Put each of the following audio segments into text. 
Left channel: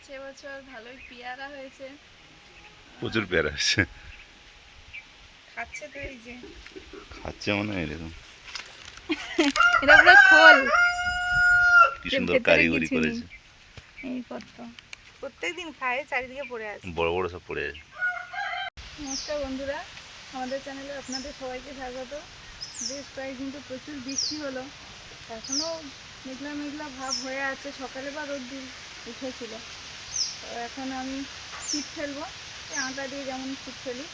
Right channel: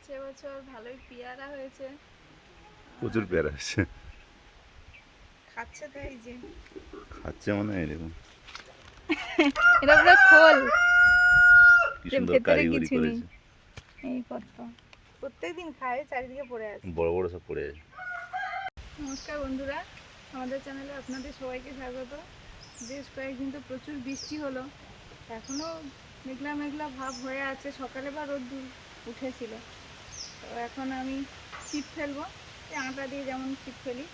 আছে এবছর, ভালোই পেয়ারা হয়েছে। প্রচুর পেয়ারা হয়েছে। খাচ্ছে তো, এই যে খাচ্ছে মনে হয় এরকম। এটা পুরো খোল, কি যে সুন্দর ভেতরে কারিগরি কিছু নেই। করেছে। এই কত প্রত্যেকদিন খায়, চারিদিকে পড়ে আছে। বড় বড় সব পড়ে আছে। নমস্কার বন্ধুরা, আমাদের চ্যানেলে আপনাদের সবাইকে স্বাগত। বেশ কয়েকদিন তো প্রচুর বৃষ্টি হলো, এখনও মেঘলা মেঘলা ভাব হয়ে আছে। সকালে বা রোদ্দুর উঠেছিল। তো এখন আমি ছিপ ফেলবো, এই আটা দিয়ে যেমন ছিপ ফেলি।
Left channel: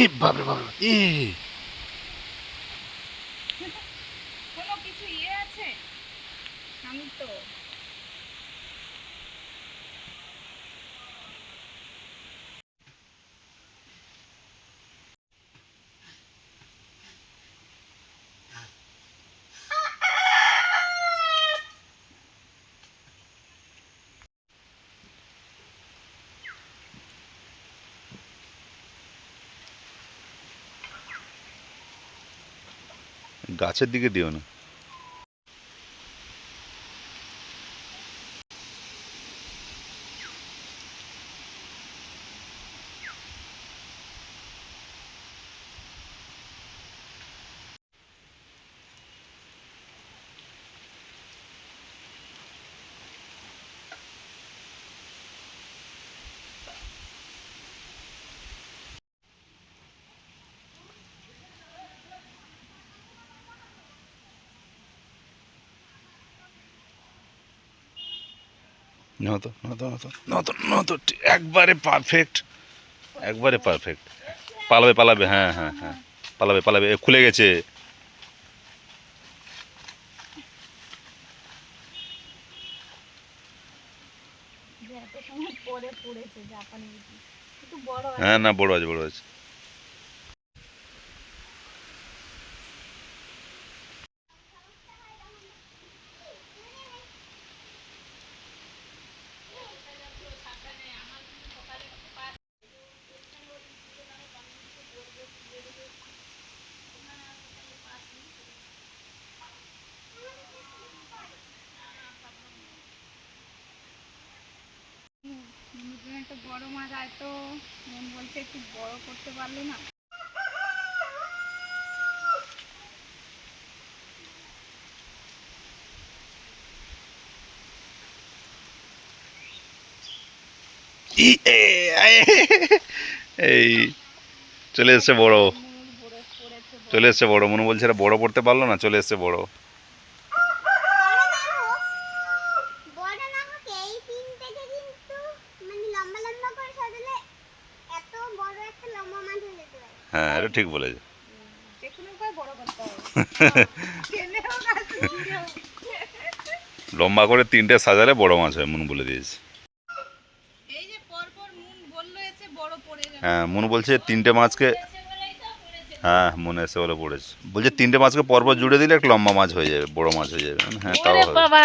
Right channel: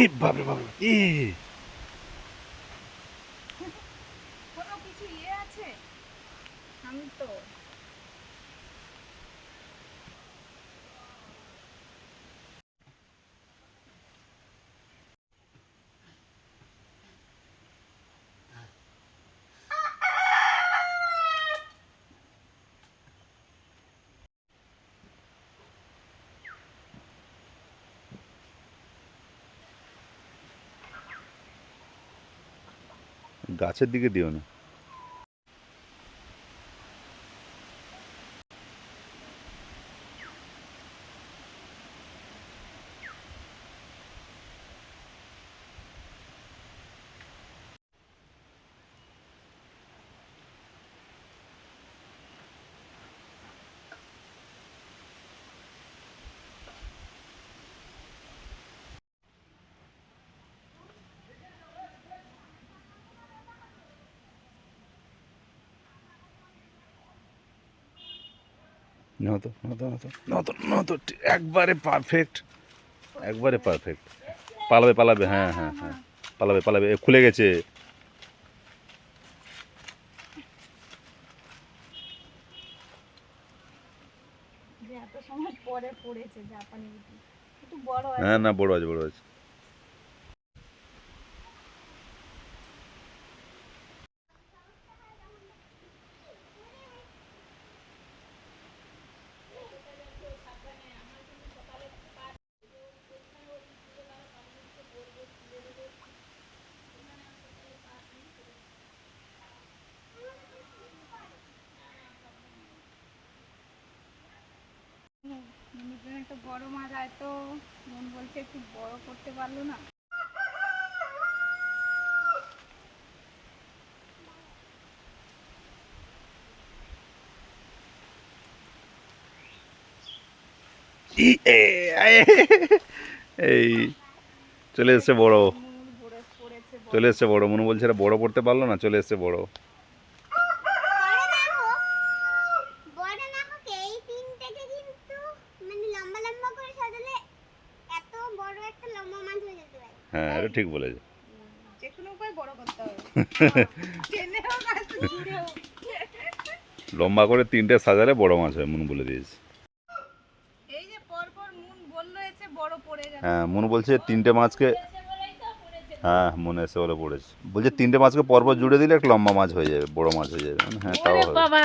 এ বাপরে বাপরে, এ কোনো কিছু আছে শান্ত। গাছের দিকে দিও না। নতো নতো নতো নতো নতো, একবারে পারফেক্ট, একবারে পারফেক্ট। পালাবে পালাবে, হ্যাঁ হ্যাঁ হ্যাঁ, পালাবে পালাবে। এ খুলে গেছে। যে এত সময় পরে পড়েছে জাপানি বিচি, একটু বড় হ্যাঁ, আছে। না বড় আছে, বড় আছে। মনে একটা বড় মাছ আয় তো, মন বলছে একটু বড় করতে পারলে না। এই চলে এসছে বড়, মন ভরে পড়েছে বড়। চলে এসছে বড়। মনু বলছে এটা বড় পড়তে পারলো না, চলে এসছে বড়। হ্যাঁ, এটা ঠিক বলেছে। যে কোনো উপায় বড় করতে হবে। টেনে হোক আর ছুঁড়ে হোক। লম্বা করে 3টে সাজালে বড় মাছ হয়, মনু বলে দিয়েছে। এই যে পরপর মুন বললো এসে বড় পড়ে গেল। হ্যাঁ, মনু বলছে 3টে মাছকে, হ্যাঁ মনে এসে বলে পড়েছে। বলছে 3টে মাছকে পরপর জুড়ে দিলে একটা লম্বা মাছ হয়ে যাবে, বড় মাছ হয়ে যাবে। হ্যাঁ, তাও ওরে হবে। বাবা,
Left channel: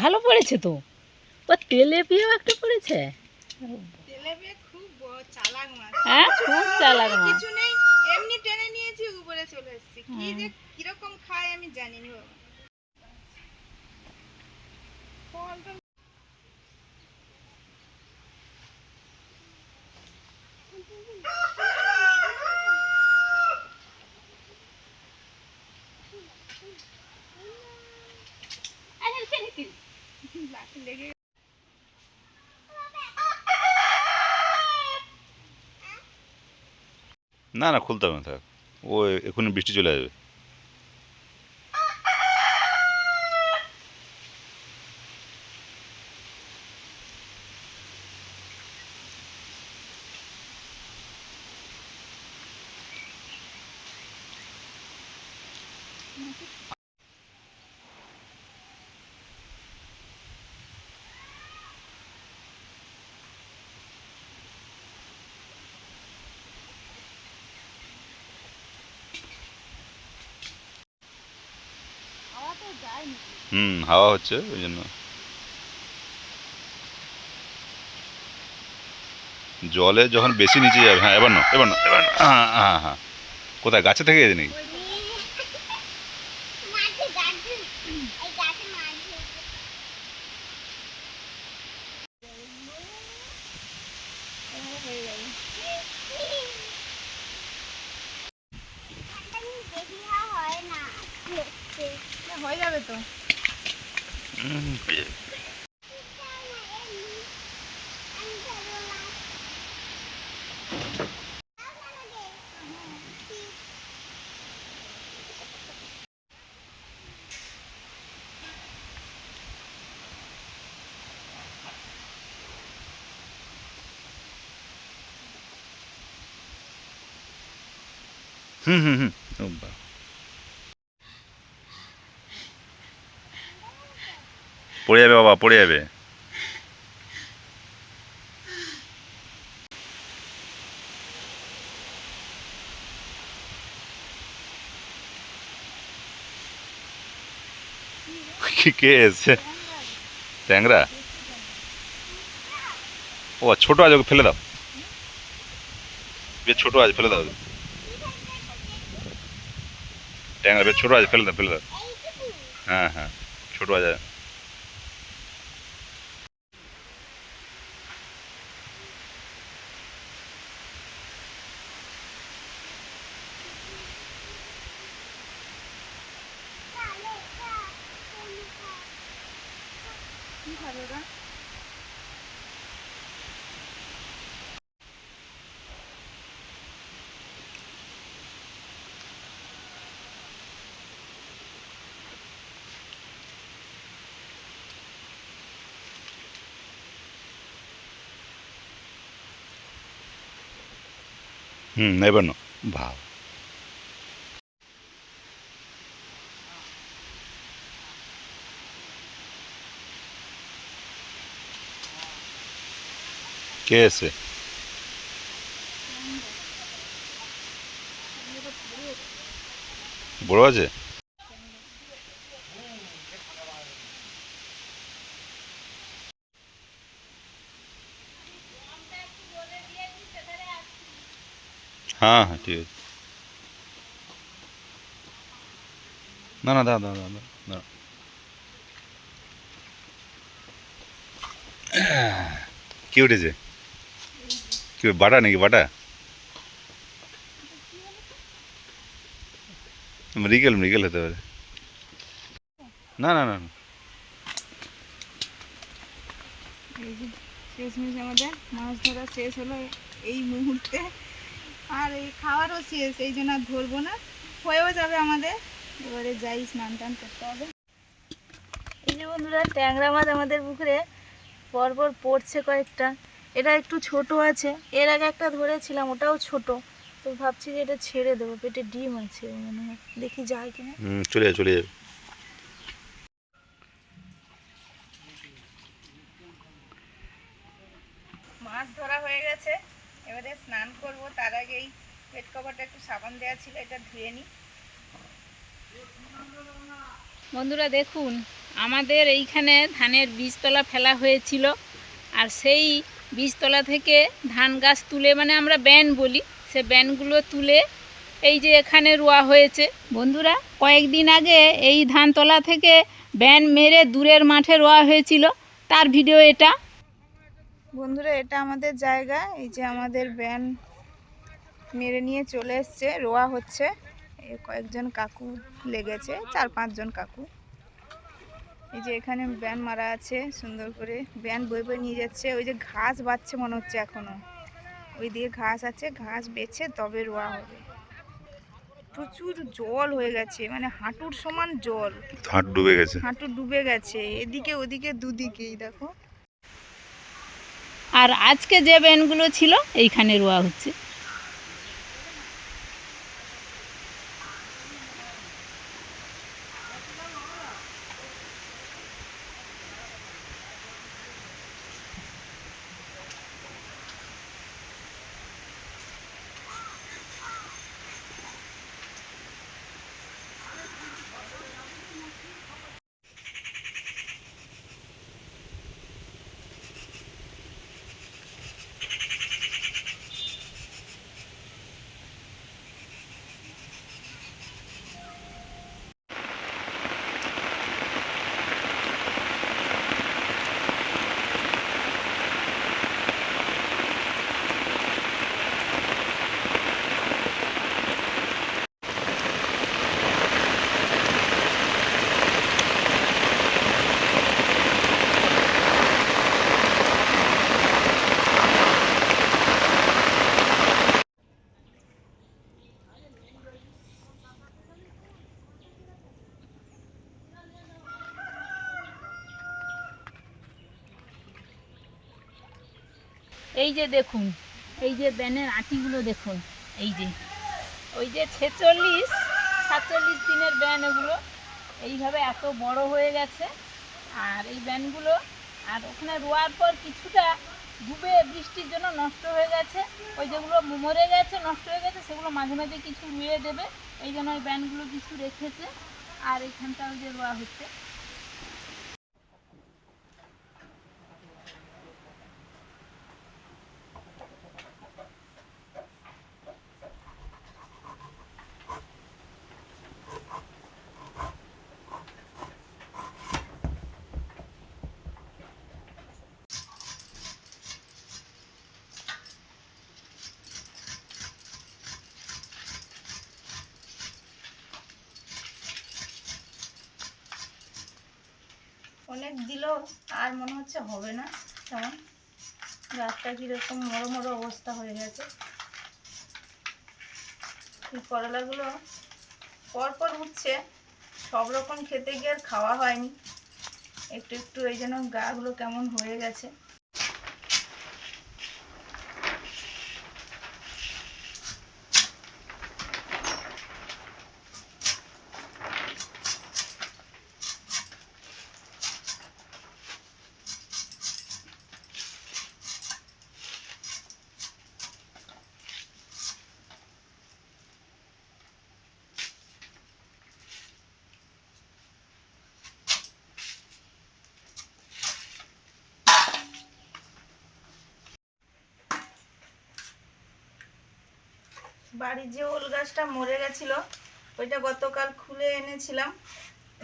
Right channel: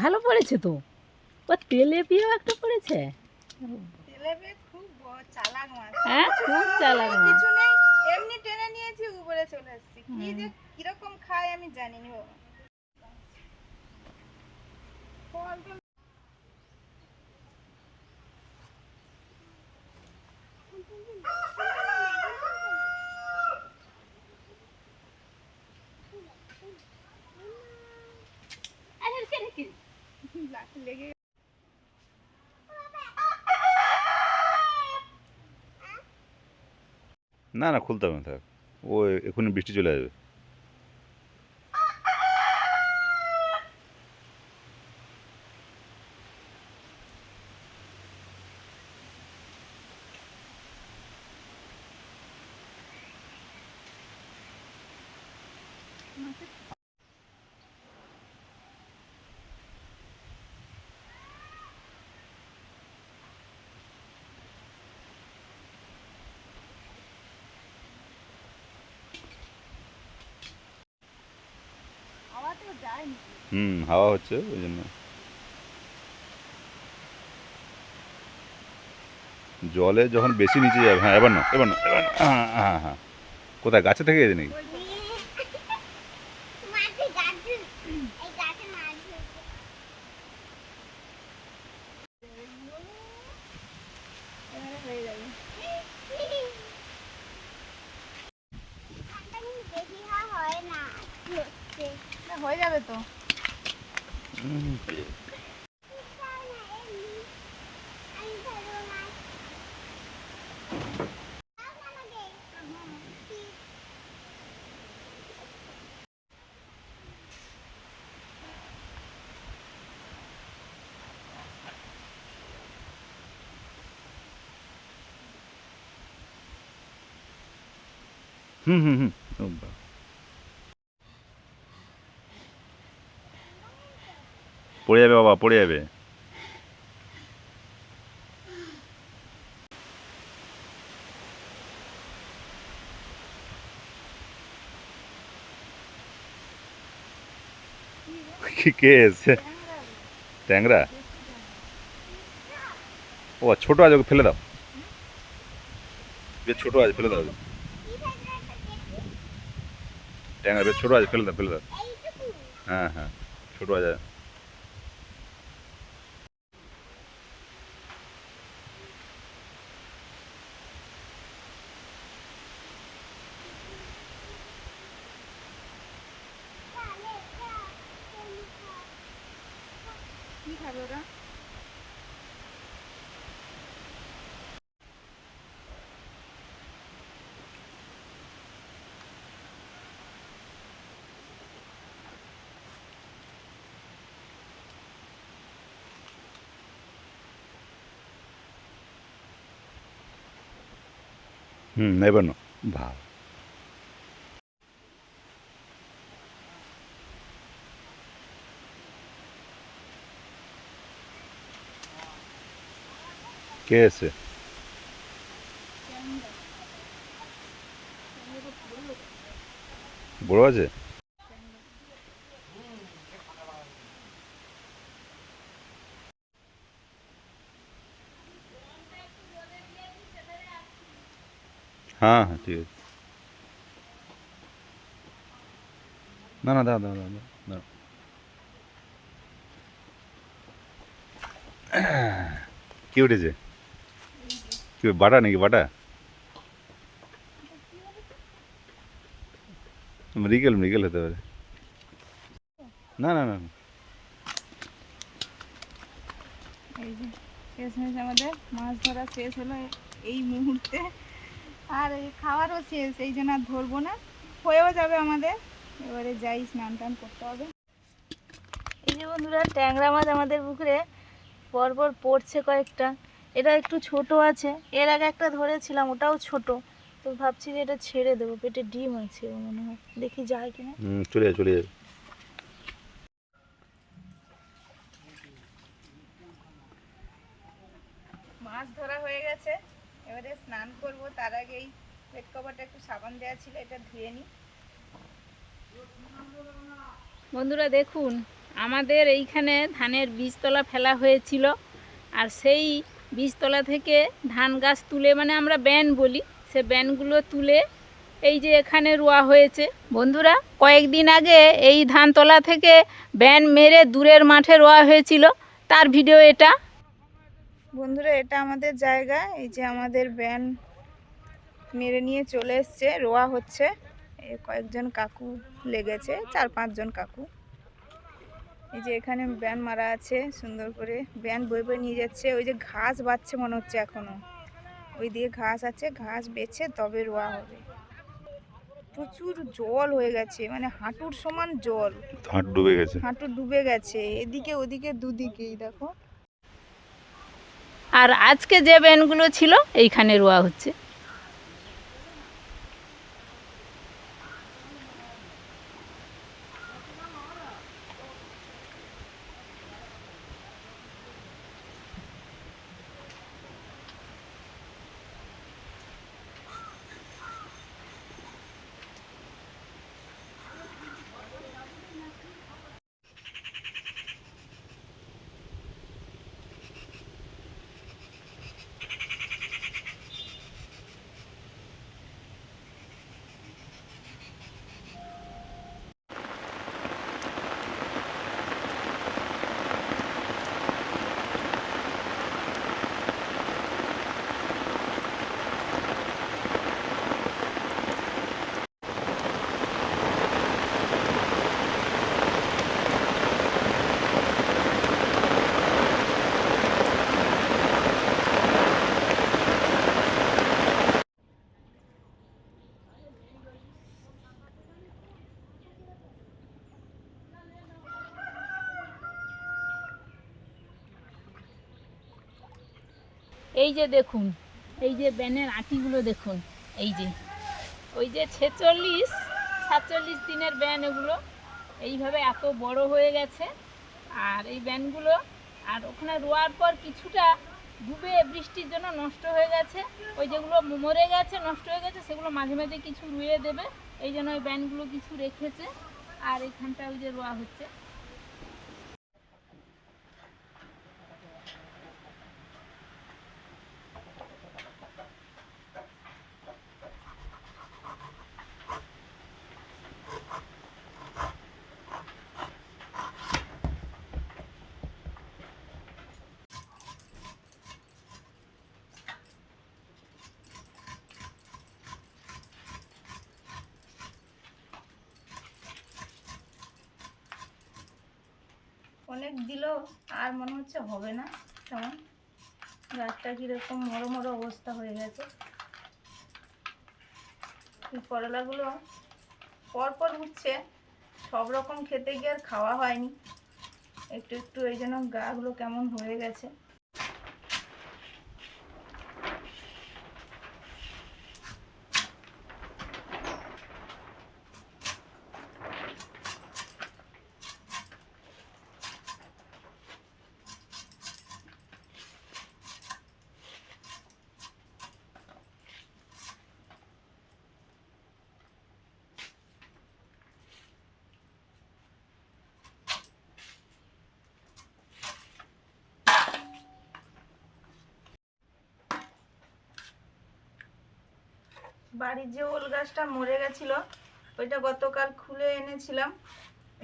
ভালো পড়েছে তো। ও তেলেপিয়াও একটা পড়েছে। তেলেবে খুব চালাক মাছ। হ্যাঁ, খুব চালাক মাছ। কিছু নেই, এমনি টেনে নিয়েছি, উপরে চলে এসেছি। কি যে কিরকম খায় আমি জানি না বাবা। ফল তো লেগে না না খুলতে হবে না, থাক। ও এক্ষুনি বৃষ্টি চলে আসবে। হাওয়া তো যায়নি। হাওয়া হচ্ছে ওই জন্য। জলে যখন বেশি নিচে যাবে, হ্যাঁ এবার না, এবার না, এবার না। হ্যাঁ হ্যাঁ হ্যাঁ। কোথায় গাছে থেকে গেছে নাকি? এভাবে হয়ে যাবে। না, হয়ে যাবে তো। হয়ে যাবে। হুম হুম হুম। ও বাবা। পড়ে যাবে বাবা, পড়ে যাবে। কে এসছে? ট্যাংরা? ও ছোট আছে, ওকে ফেলে দাও। বেশ ছোট আছে, ফেলে দাও। ট্যাংরা বেশ ছোট আছে, ফেলে দাও, ফেলে দাও। হ্যাঁ হ্যাঁ, ছোট আছে। কি খাবে ওরা? এবার না। ভাব। কে এসছে? বড় আছে? হ্যাঁ হ্যাঁ ঠিক আছে। না না, দাও দাও দাও দাও দাও। কি উঠেছে? কি বাটা নাকি, বাটা? মৃগেল, মৃগেল হতে পারে। না না না না। এই যে শেষমেশ আমাদের মাছ ধরা শেষ হলো এই মুহূর্তে। আর এই খাওয়ারও শেষ, এই জন্য আর ধরবো না, হয়েও যাবে আমাদের। এবারে যাই, স্নান টান করতে হবে। এই যে বন্ধুরা, ট্যাংরা মাছ আমাদের পুকুরে পরপর পড়ছে কয়েকটা। এটা একটু ছোট আছে, এর আগে একটা ধরেছিলাম, ওটাও ছোট। তো ভাবছি যে এটা ছেড়ে দেবো, পেটে ডিম আছে মনে হয়, দেখি যায় কিনা। চলে যাবে, চলে যাবে। মাছ ধরা হয়ে গেছে, এবারে স্নান করব। তার আগেই পেট কভারটা একটু সাবান দেওয়া ছিল, এটা ধুয়ে নিই। বন্ধুরা দেখুন, আমাদের এইখানে ধানের বীজতলা ফেলা হয়েছিল, আর সেই বীজতলা থেকে ধান গাছ তুলে, মানে আমরা ব্যান বলি, সে ব্যানগুলো তুলে এই যে এখানে রোয়া হয়েছে। বন্ধুরা, কয়েকদিন আগে এই ধানতলা থেকে ব্যান মেরে দূরের মাঠে রোয়া হয়েছিল, তার ভিডিও এটা। বন্ধুরা, এটা আমাদের জায়গা। এই যে আমাদের ব্যান মেরে নিয়ে চলে এসছে, রোয়া হচ্ছে। এই কয়েকজন কাকু লেগেছে, 4-5 জন কাকু। এই যে এখানে ব্যান মারা আছে সুন্দর করে, ব্যান বয়ে বয়ে নিয়ে যাচ্ছে। ওই যে ঘাস বাচ্ছে মনে হচ্ছে এখনো, ওই দিকে ঘাস আছে, ঘাস বেছে তবে রোয়া হবে। প্রচুর জল হয়ে গেছে, মানে হাঁটুর সমান জল, হাঁটু ডুবে গেছে। হাঁটু ডুবে গেছে, এদিকে ওদিকে দুদিকেই দেখো। আর আজকে যে ব্যানগুলো ছিল এইখানে রোয়া হচ্ছে। এই যে দেখুন, এই যে ব্যানের আটিগুলো দেখুন, এই যে ওই যে 46-47 দিনের ব্যান এগুলো, এইভাবে এত বড় হয়ে গেছে। আর এই ব্যানগুলো আর ওখানে রোয়ার পর কিছুটা ডুবে বৃষ্টির জন্য নষ্ট হয়ে গেছে। ওই যেগুলো মরে গেছে, নষ্ট হয়ে গেছে, সেগুলো মাঝে মাঝে কিছু রুয়ে দেবে, এই জন্য ওই ব্যানগুলো কিছু রেখেছে। আর এখানটা ওই যে রোয়া হচ্ছে। অনেক দিলেও আর মনে হচ্ছে হবে না তেমন, গাছটা কীরকম মরো মরো অবস্থা হয়ে গেছে। এই করলাগুলো পরপর উঠছে, সব রকম খেতে গিয়ে আর খাওয়া হয়নি, একটু একটু এই জন্য গাগুলো কেমন হয়ে গেছে। বাড়ির যে ওল গাছটা মরে গেছিল, ওইটা গতকাল খুলে এনেছিলাম,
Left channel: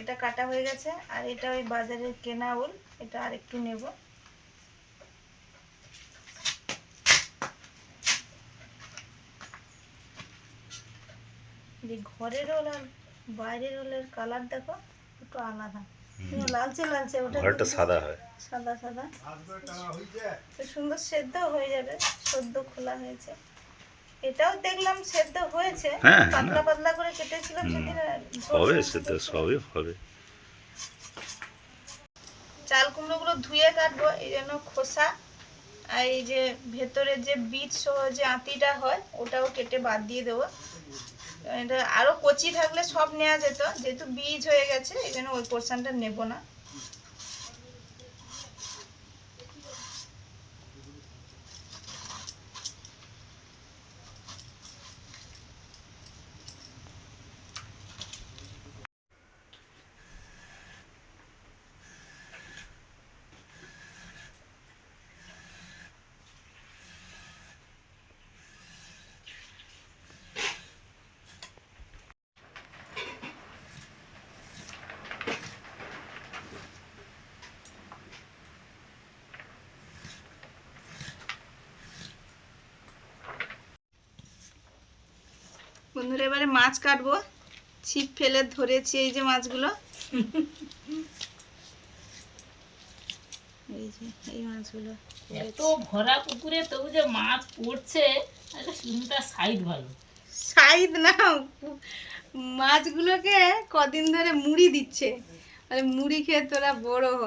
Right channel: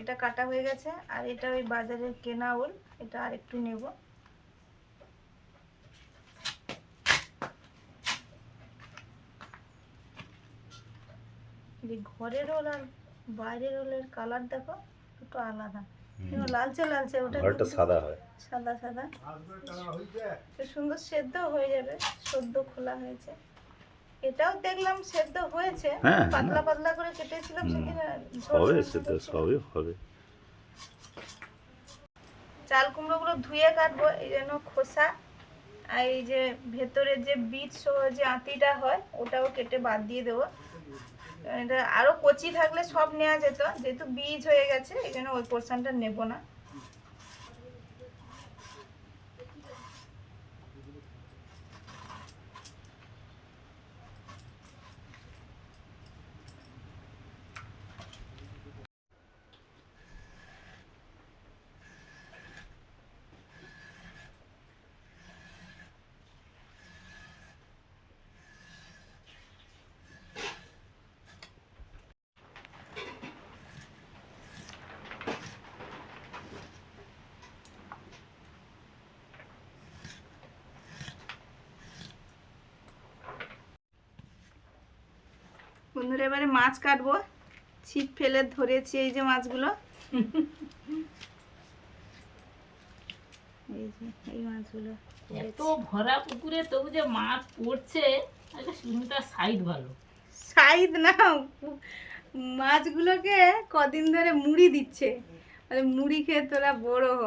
এটা কাটা হয়ে গেছে। আর এটা ওই বাজারের কেনা ওল, এটা আর একটু নেব। যে ঘরের ওল আর বাইরের ওলের কালার দেখো একটু আলাদা, লালচে লালচে, ওটা ঘরটা সাদা হয়, সাদা সাদা, সুন্দর সেদ্ধ হয়ে যাবে। সদ্য খোলা হয়েছে, এটাও দেখলাম সেদ্ধ হয়েছে, পাতলা পাতলা করে কেটেছিলাম সেদিন। হবে সেদ্ধ, সবই হবে। চাল কুমড়োগুলো ধুয়ে কাটবো, এই জন্য খোসা আর এই যে ভেতরের যে বীজ সহ যে আঁতিটা হয় ওটাও কেটে বাদ দিয়ে দেবো। এটা আরও কচি থাকলে সব নেওয়া যেত, যেহেতু বীজ হয়ে গেছে এই জন্য ওই পোর্শনটা নেব না। বন্ধুরা এবারে মাছ কাটবো, ছিপ ফেলে ধরেছি এই যে মাছগুলো। এই যে এই মাছগুলো এত ভরা পুকুরে তবু যে মাছ পড়ছে, একটা সুন্দর সাইড ভালো। সাইদ না, মাছগুলোকে কদিন ধরে মুড়ি দিচ্ছে, মানে মুড়ি খেয়ে তোরা বড় হ,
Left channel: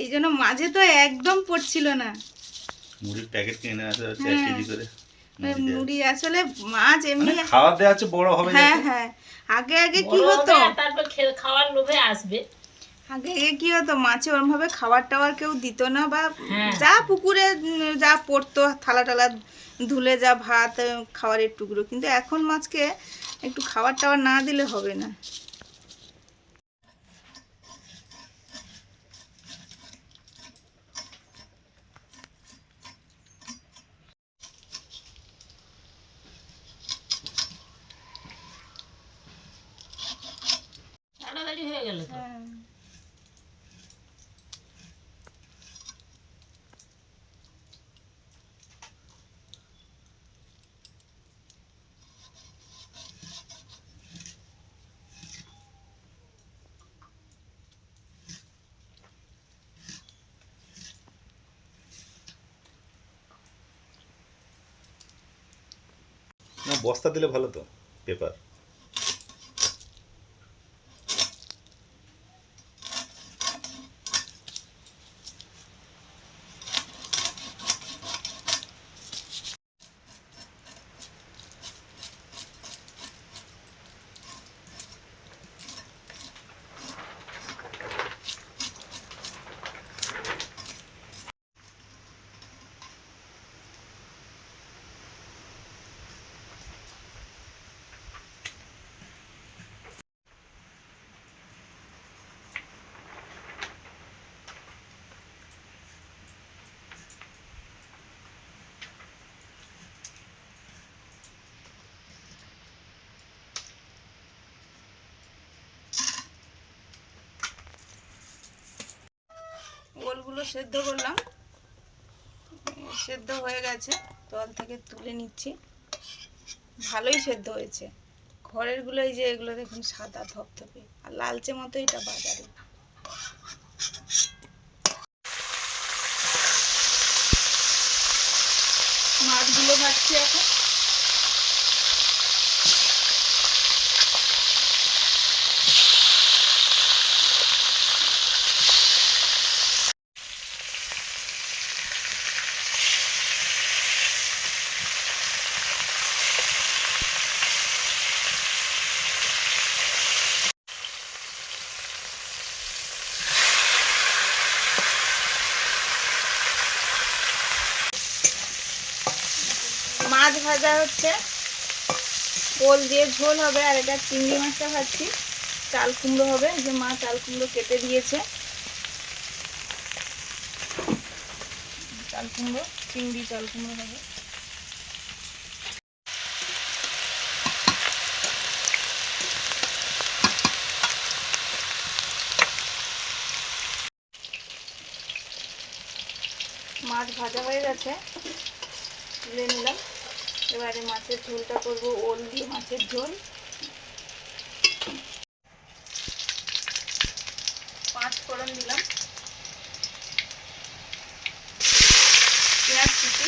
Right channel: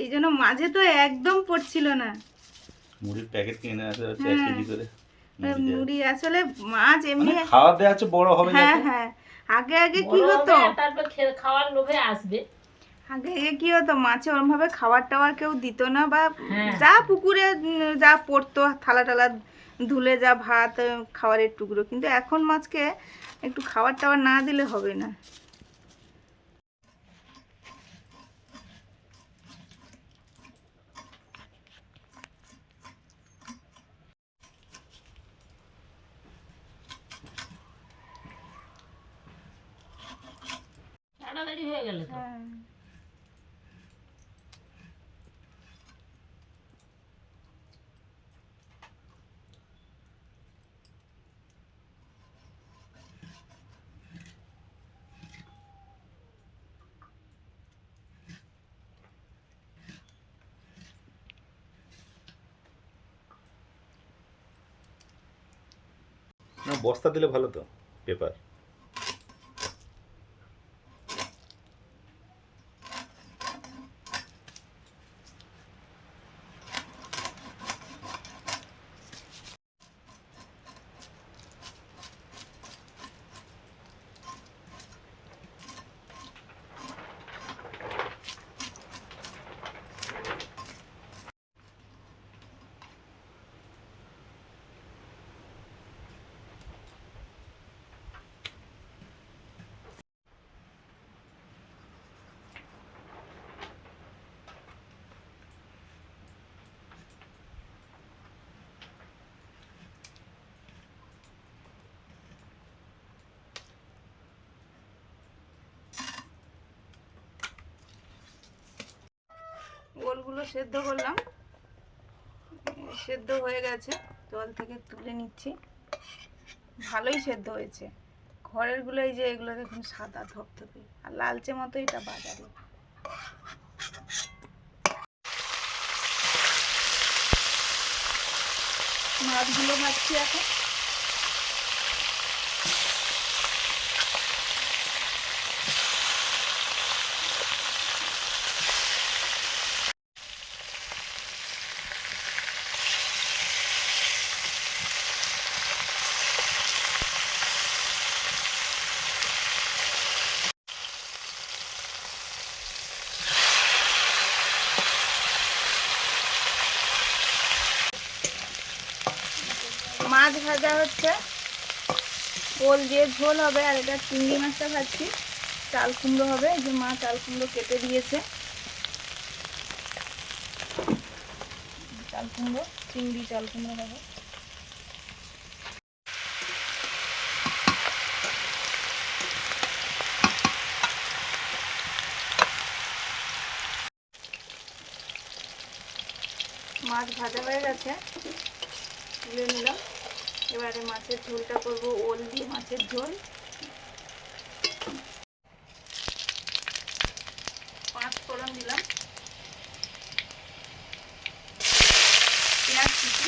এই জন্য মাঝে তো একদম পড়ছিল না। মুড়ির প্যাকেট কিনে আসা হচ্ছে হ্যাঁ। 1 কেজি করে মুড়ি আসলে মাছ মানে এমনি, খাওয়া দেওয়া হচ্ছে বড় হবে হ্যাঁ যাতে। হ্যাঁ, আগে আগে কি বড় হতো, হবে, তারপর খাওয়ার লোভে আসবে। আগে আগে কি হতো মাছে ওরমভাবে খাবার টাবার কেউ দিত না, বা হ্যাঁ। যা পুকুরে যা পড়তো থালা টালা ধুলে যা ভাত খাবারের টুকরো, কিন্তু এখন মাছকে একটু খাবার টাবার না দিলে হবে না। তাড়াতাড়ি হয়ে গেল তো। হ্যাঁ, না বস্তা দিলে ভালো তো, পেপার। ওলগুলো সেদ্ধ করলাম, সেদ্ধ হয়ে গেছে, জল থেকে তুলে নিচ্ছি। ভালোই সেদ্ধ হয়েছে, ঘরের গুলো এই যে এগুলো দেখুন সাদা ধপধপে, আর লালচে মতো এটা বাজারে। মাছগুলো ভাজছি এখন। মাছ ভাজা হচ্ছে, ওল দিয়ে ঝোল হবে, আর এটা চিংড়ি মাছটা ভাজছি, চাল কুমড়ো হবে, যে মা চাল কুমড়ো কেটে দিয়েছে, চাল কুমড়ো চিংড়ি চাল কুমড়ো হবে। মাছ ভাজা হয়ে গেছে, তুলে নিলাম। এবারে মাছের ঝোলটা করব, ওল দিয়ে মাছের ঝোল। 5 ফোড়ন দিলাম, পেঁয়াজ কুচি,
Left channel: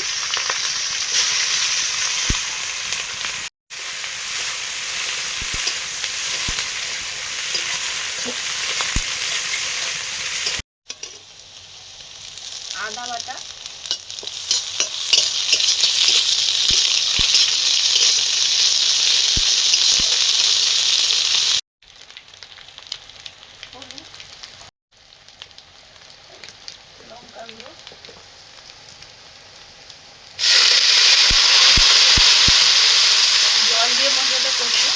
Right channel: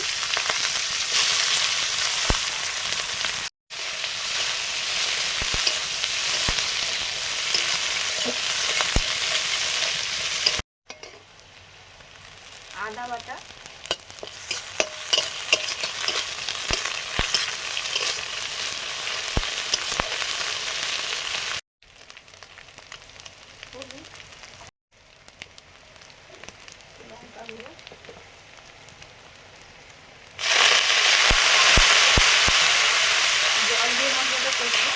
আদা বাটা, হলুদ, লঙ্কা গুঁড়ো, জল দিয়ে মশলাটা করবো।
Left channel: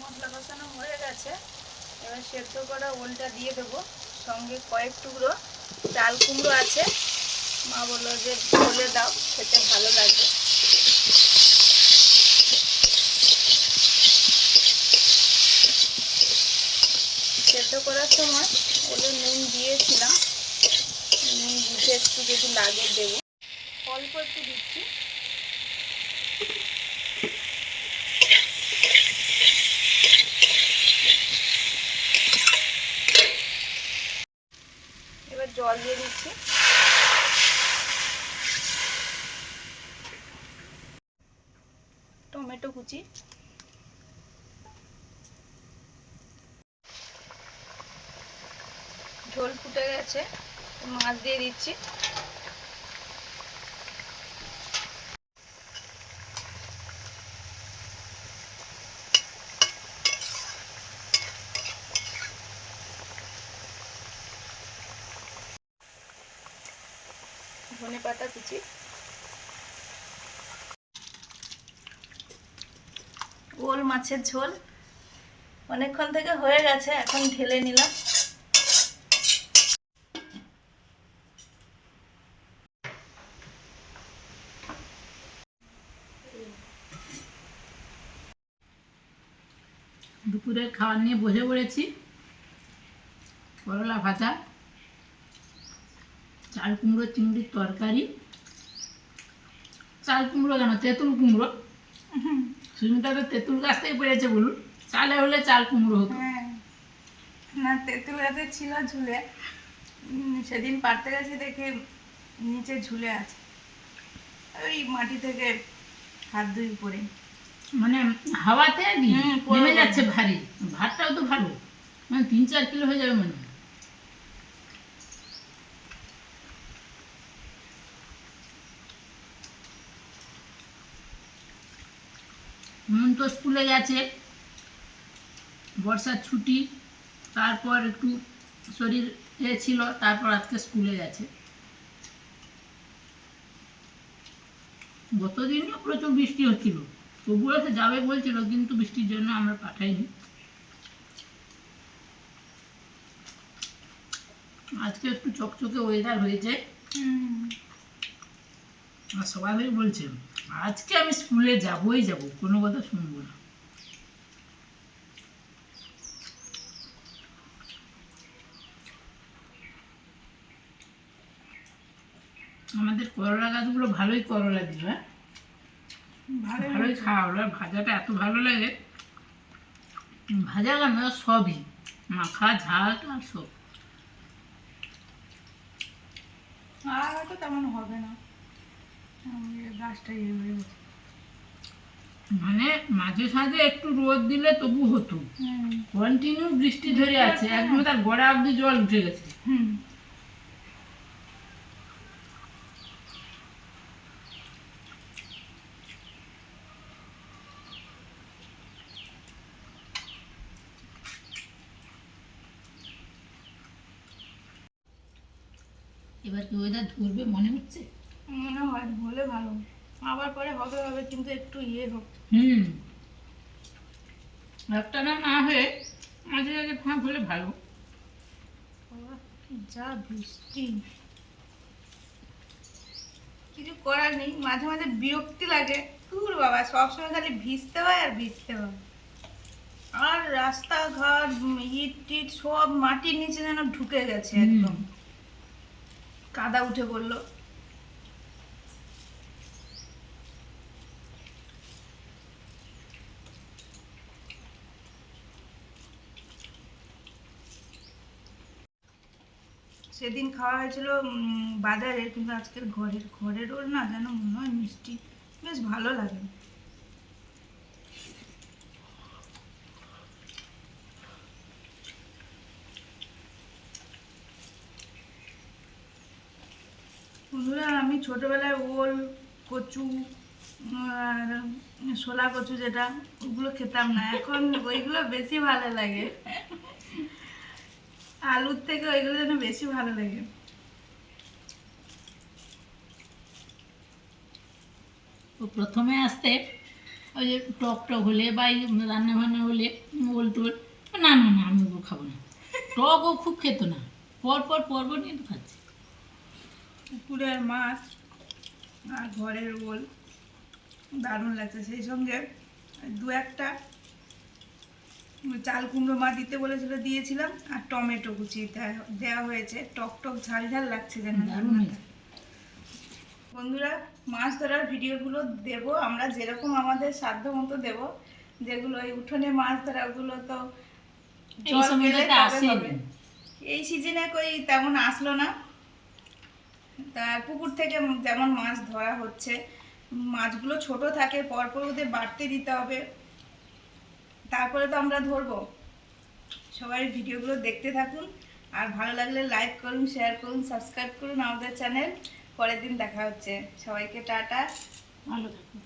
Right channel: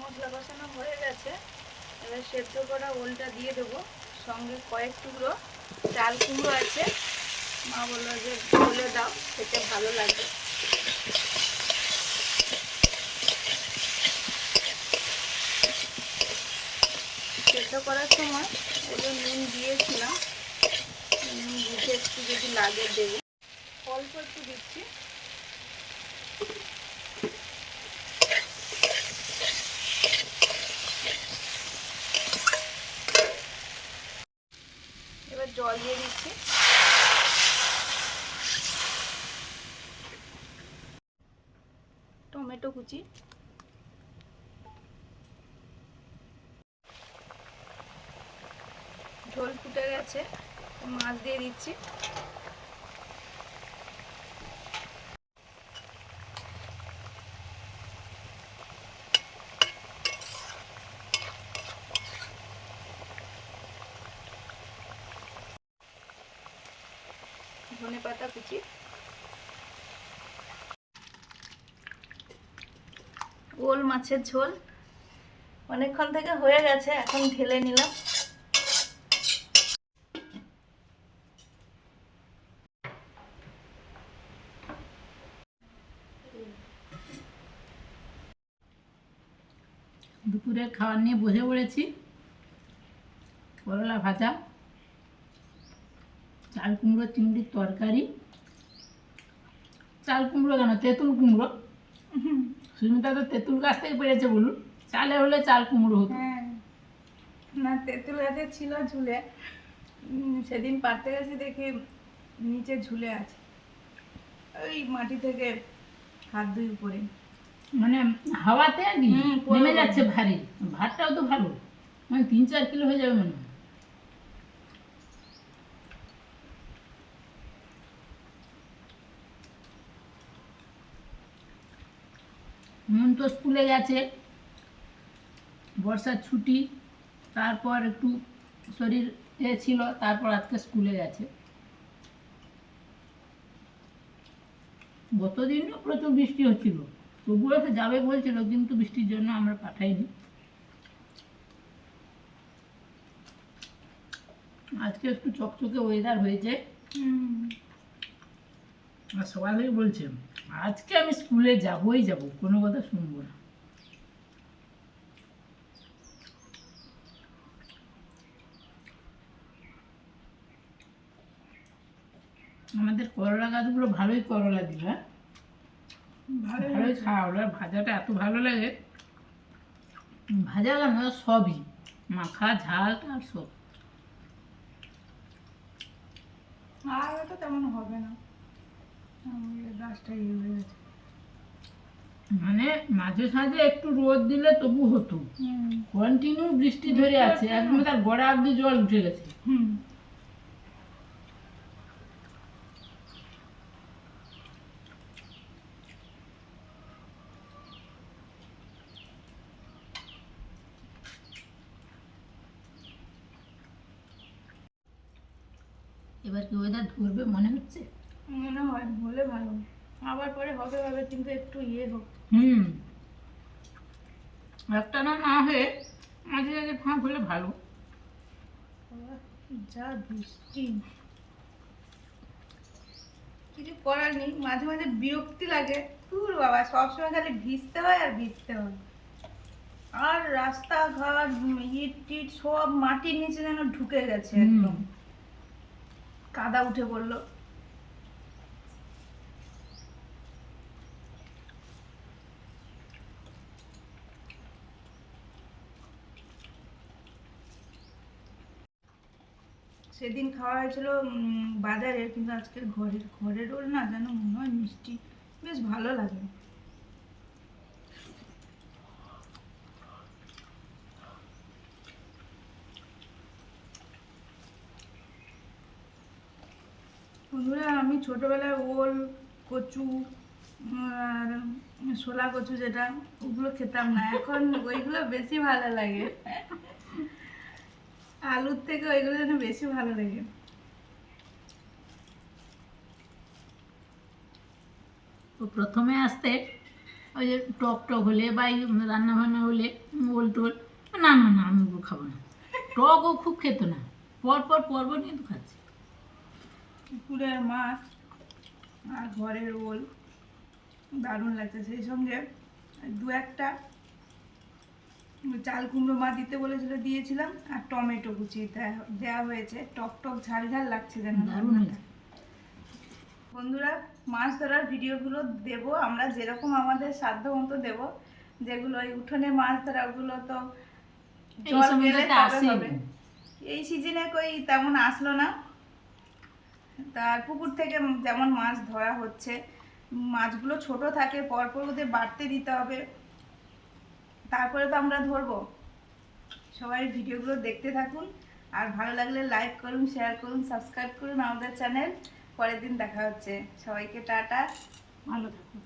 মশলা কষানো হয়ে গেছে, এবার সেদ্ধ করা ওলটা দিয়ে দেবো, সঙ্গে কয়েক টুকরো চাল কুমড়ো আছে, মা বললো যে বলে দাও, খেতে ভালো লাগবে। সেদ্ধ করার সময় এই যে নুন দিয়েছিলাম, নুন বুঝে একটু যদি লাগে দেবো, অল্প একটু দিচ্ছি। জল দিয়ে দিচ্ছি। টমেটো কুচি, ঝোল ফুটে গেছে, মাছ দিয়ে দিচ্ছি। ধনে পাতা কুচি, ওল মাছের ঝোল অনেকক্ষণ থেকে হয়ে গেছে, এখন ঢেলে নিলাম। দুপুরের খাবার নিয়ে বসে পড়েছি। করলা ভাজা, চাল কুমড়ো চিংড়ির তরকারি। চাল কুমড়ো কেন, তেঁতুল কুমড়ো। সুমিতা তো তেঁতুল গাছ থেকে পেরেছে বলুন, চালে হলে চাল কুমড়ো হতো। হ্যাঁ, না তেঁতুল গাছে ছিল ঝুলে, সেদিন পাড়তে গেছি দেখে নিচে ঝুলে আছে, ওই মাটি থেকে হাত দুই উপরে। মানে হাওয়াতে আর কি পড়ে নেমে গেছে। যাচ্ছে ভারী। ভাতটাও তো ভালো, মানে 3-4 কিলো হয়ে যাবে মনে হয়। মন তো স্কুলে গেছে, বর্ষার ছুটি, তারপর একটু শরীর ছিল, তারপর আজকে স্কুলে গেছে। গতদিনও প্রচুর বৃষ্টি হচ্ছিল, তবুও সে যাবে বলছিল, কিন্তু বৃষ্টির জন্য আমরা পাঠাইনি। আজকে একটু চকচকে ওয়েদার হয়েছে, আর সবাই বলছে আজকে আমি স্কুলে যাবই যাব, কোনো কথা শুনবো না। আমাদের করলা গাছগুলো ভালোই করলা দিল, হ্যাঁ ভালোই খাওয়া হলো। আর ভাজাটা এত ভালো লাগে, ভাজা কেন সবই, মাখা ঝাল আর সব। আর হয়তো তেমন হবে না, গাছটা ইয়ে হয়ে গেছে। মানে মাঝে সাঝে একটু রোদ দিলে তবু হতো, কন্টিনিউ বৃষ্টি ধরে আছে, একদম তার গোড়া অব্দি জল উঠে গেছে। এবার কি ওয়েদার ধরবে মনে হচ্ছে? মনে হয় হলে ভালো, আবার পরে হবে হবে, কিন্তু একটু ইয়ে হোক। একটা না হয়ে মাঝে মাঝে ফাঁক হলে ভালো। যা বৃষ্টি, কিছু করার নেই, মাঝে মাঝে বিরক্তি লাগে। দূর বাবা, সবসময় খালি ভিজতে হয় আর ভিজতে হয়। আর রাস্তাঘাট ইট টিট সব মাটির নিচে যেন ঢুকে গেছে, একদম কাদা উঠে পড়লো। সেদিন খাওয়া হয়েছিল বাজারে, কিন্তু আজকের ঘরের রোল না যেন মনে হয় মিষ্টি, বেশ ভালো লাগে। বন্ধুরা, আমি ছোটবেলায় ওল, কচু আর শোলা কচু যেটা, ওগুলো খেতাম না, এখন ওইগুলো বেশি ভালো লাগে। আলুর থেকে ওইগুলো যেন বেশি ভালো লাগে। তো প্রথমে আসতে ওই যে টক টক হলে বা রান্না বান্না হলে ওল টোল, না না না আমি ওগুলো খাবো না। টকও খুব খেত না, পরপর নিয়ে তো খাচ্ছে। পুকুরের মাছ আর ঘরের ওল দারুণ লাগছে, সেই সঙ্গে দু একটা চাল কুমড়ো মা দিতে বলেছিল, দিয়েছিলাম, আর টমেটো কুচি দেওয়া হয়েছে, টক টক ঝাল ঝাল লাগছে যেন দারুণ রান্নাটা। হয়েছে। বন্ধুরা, মাছ ধরার ভিডিওগুলো দেব আমরা, যেরকম আমাদের সাধ্য মতো দেব। যেগুলো এই উঠোনে মাছ ধরা, ওগুলো তো এই জল গেলে সময়টাতে তবে আসে হবে। এই সিজনে কই তেমন আসলো না, তার পুকুর থেকে যেমন মাছ ধরা হচ্ছে, মাছগুলো ছোট থাকে, পরপর ওদের বাড়তে দিতে হবে, তারপরে তো আমরা ধরবো। সবাই ভিডিওগুলো দেখতে থাকুন, আর ভালো লাগলে লাইক করুন, শেয়ার করুন, সাবস্ক্রাইব করুন আমাদের চ্যানেল। পরের দিন দেখা হচ্ছে, সবাইকে টাটা, ভালো থাকুন।